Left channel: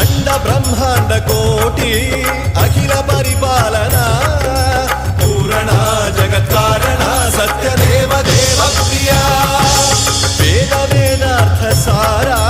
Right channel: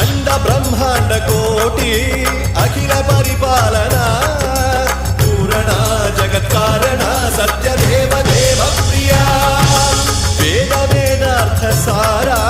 अंड ब्रह्मांड कोटि अखिल परिपालना पूरणा जगत्कारणा सत्यदेव देव प्रिया वेद वेदार्थ सारा